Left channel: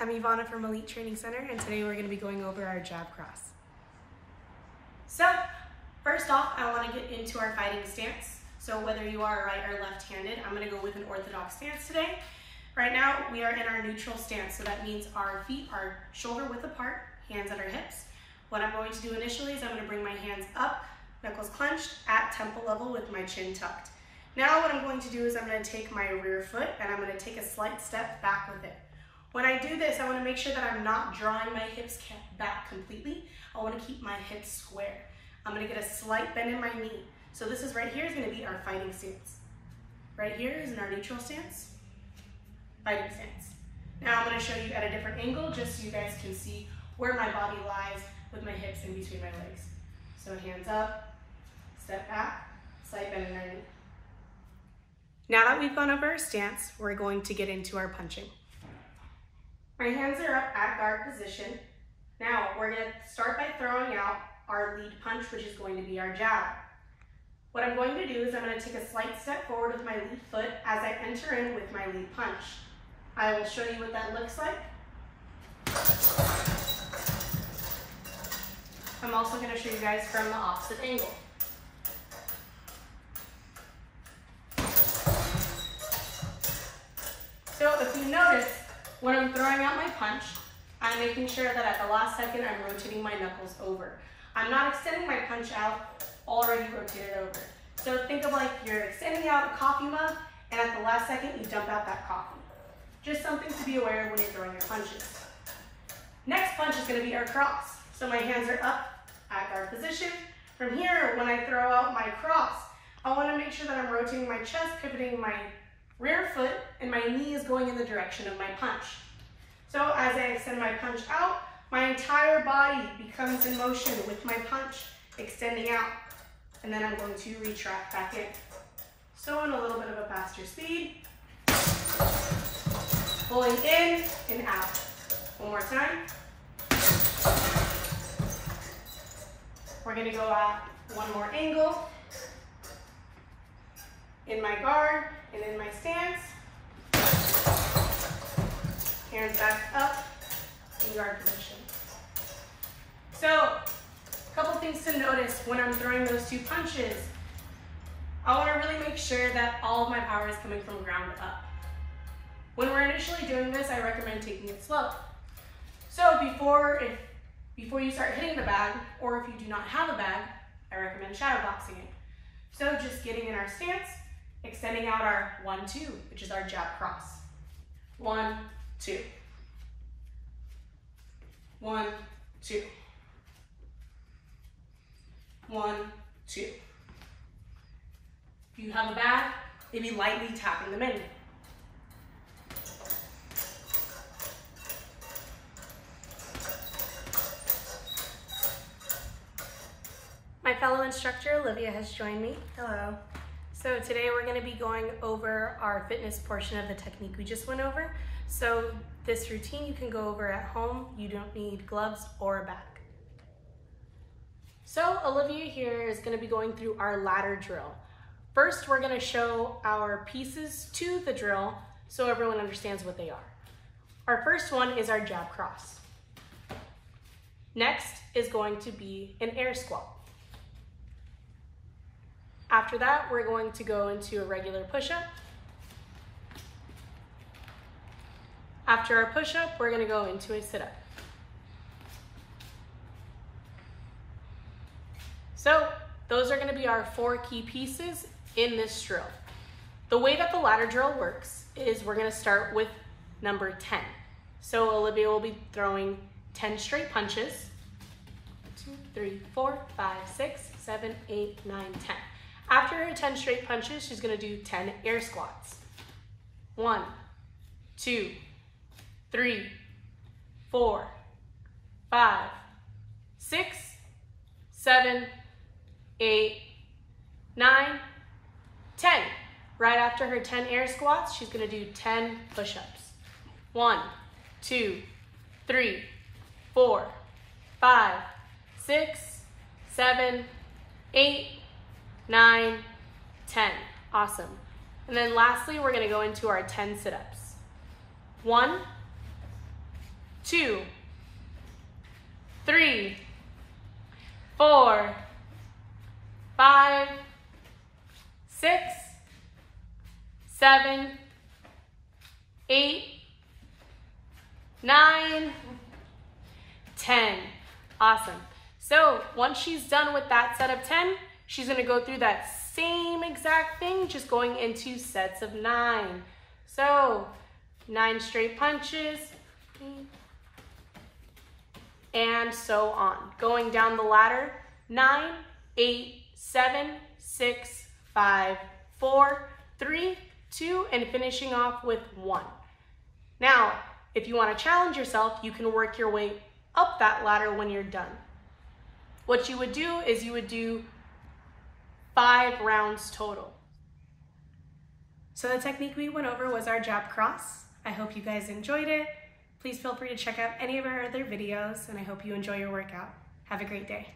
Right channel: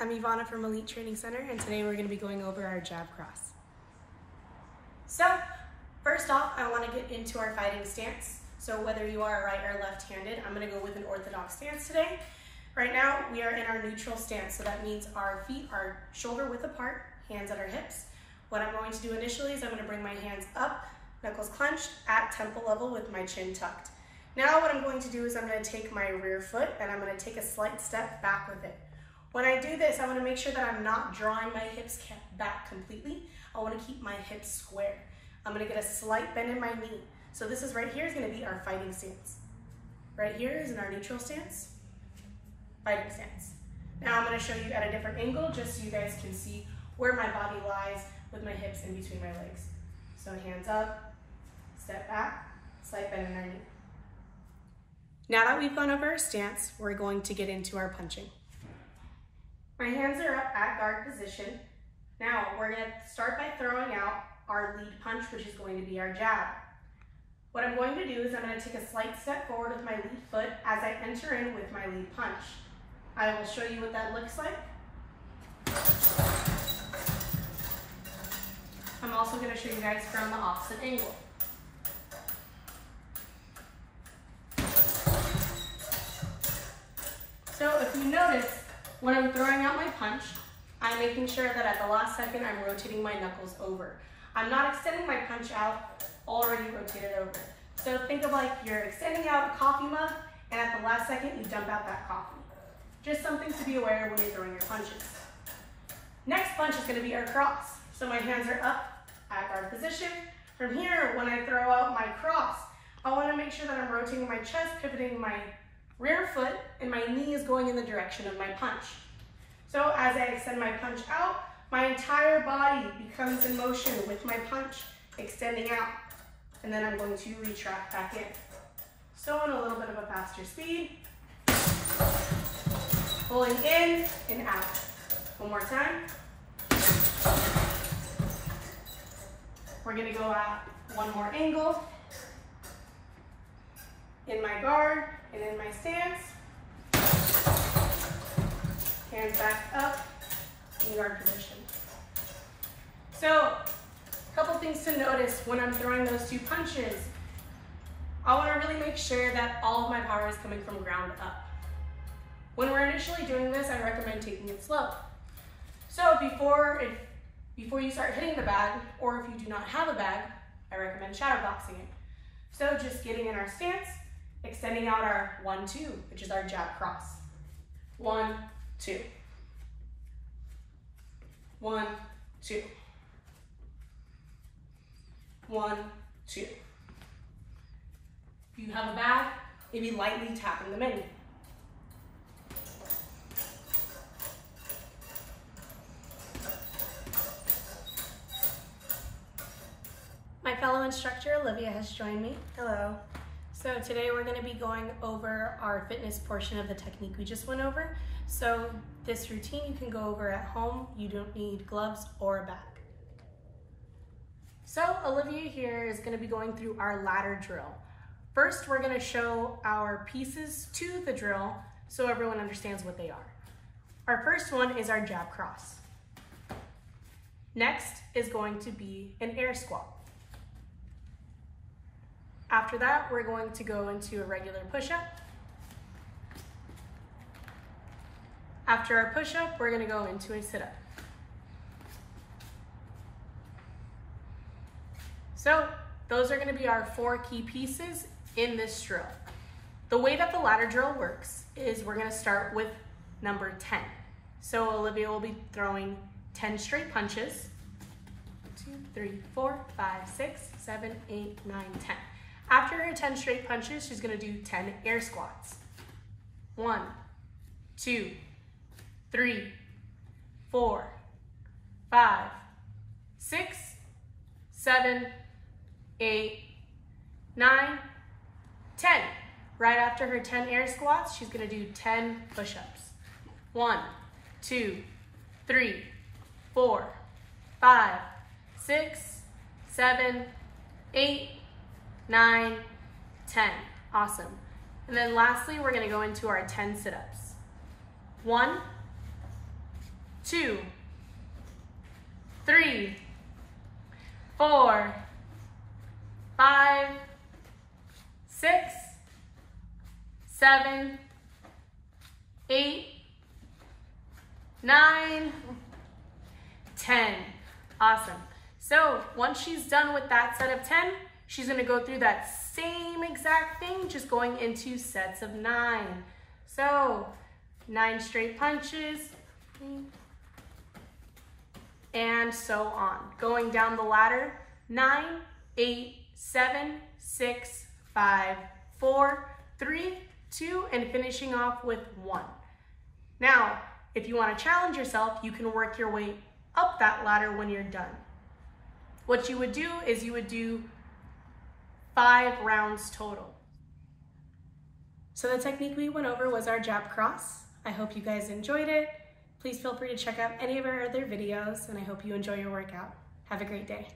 I'm Ivana from Elite Training Center, and today we're going to be going over our jab cross. So, first off, I want to get into our fighting stance. So whether you are right or left-handed, I'm going to go with an orthodox stance today. Right now, we are in our neutral stance, so that means our feet are shoulder width apart, hands at our hips. What I'm going to do initially is I'm going to bring my hands up, knuckles clenched, at temple level with my chin tucked. Now what I'm going to do is I'm going to take my rear foot and I'm going to take a slight step back with it. When I do this, I want to make sure that I'm not drawing my hips back completely. I want to keep my hips square. I'm going to get a slight bend in my knee. So this is right here is going to be our fighting stance. Right here is in our neutral stance, fighting stance. Now I'm going to show you at a different angle just so you guys can see where my body lies with my hips in between my legs. So hands up, step back, slight bend in our knee. Now that we've gone over our stance, we're going to get into our punching. My hands are up at guard position. Now we're going to start by throwing out our lead punch, which is going to be our jab. What I'm going to do is I'm going to take a slight step forward with my lead foot as I enter in with my lead punch. I will show you what that looks like. I'm also going to show you guys from the opposite angle. So if you notice, when I'm throwing out my punch, I'm making sure that at the last second I'm rotating my knuckles over. I'm not extending my punch out, already rotated over. So think of like you're extending out a coffee mug and at the last second you dump out that coffee. Just something to be aware of when you're throwing your punches. Next punch is going to be our cross. So my hands are up at guard position. From here, when I throw out my cross, I want to make sure that I'm rotating my chest, pivoting my rear foot, and my knee is going in the direction of my punch. So as I extend my punch out, my entire body becomes in motion with my punch extending out. And then I'm going to retract back in. So on a little bit of a faster speed, pulling in and out. One more time. We're gonna go at one more angle. In my guard and in my stance. Hands back up in guard position. So, a couple things to notice when I'm throwing those two punches. I want to really make sure that all of my power is coming from ground up. When we're initially doing this, I recommend taking it slow. So before you start hitting the bag, or if you do not have a bag, I recommend shadow boxing it. So just getting in our stance, extending out our 1-2, which is our jab cross. 1, 2. 1, 2. 1, 2. If you have a bag, maybe lightly tapping them in. My fellow instructor, Olivia, has joined me. Hello. So today we're going to be going over our fitness portion of the technique we just went over. So this routine you can go over at home. You don't need gloves or a bag. So Olivia here is going to be going through our ladder drill. First, we're going to show our pieces to the drill so everyone understands what they are. Our first one is our jab cross. Next is going to be an air squat. After that, we're going to go into a regular push-up. After our push-up, we're going to go into a sit-up. So those are going to be our 4 key pieces in this drill. The way that the ladder drill works is we're going to start with number 10. So Olivia will be throwing 10 straight punches. 2, 3, 4, 5, 6, 7, 8, 9, 10. After her 10 straight punches, she's going to do 10 air squats. 1, 2, 3, 4, 5, 6, 7, 8, 9, 10. Right after her 10 air squats, she's going to do 10 push-ups. 1, 2, 3, 4, 5, 6, 7, 8, 9, 10. Awesome. And then lastly, we're going to go into our 10 sit-ups. 1, 2, 3, 4, 5, 6, 7, 8, 9, 10. Awesome. So once she's done with that set of 10, she's going to go through that same exact thing, just going into sets of 9. So 9 straight punches, and so on. Going down the ladder, 9, 8, 7, 6, 5, 4, 3, 2, and finishing off with 1. Now, if you want to challenge yourself, you can work your way up that ladder when you're done. What you would do is you would do 5 rounds total. So the technique we went over was our jab cross. I hope you guys enjoyed it. Please feel free to check out any of our other videos, and I hope you enjoy your workout. Have a great day.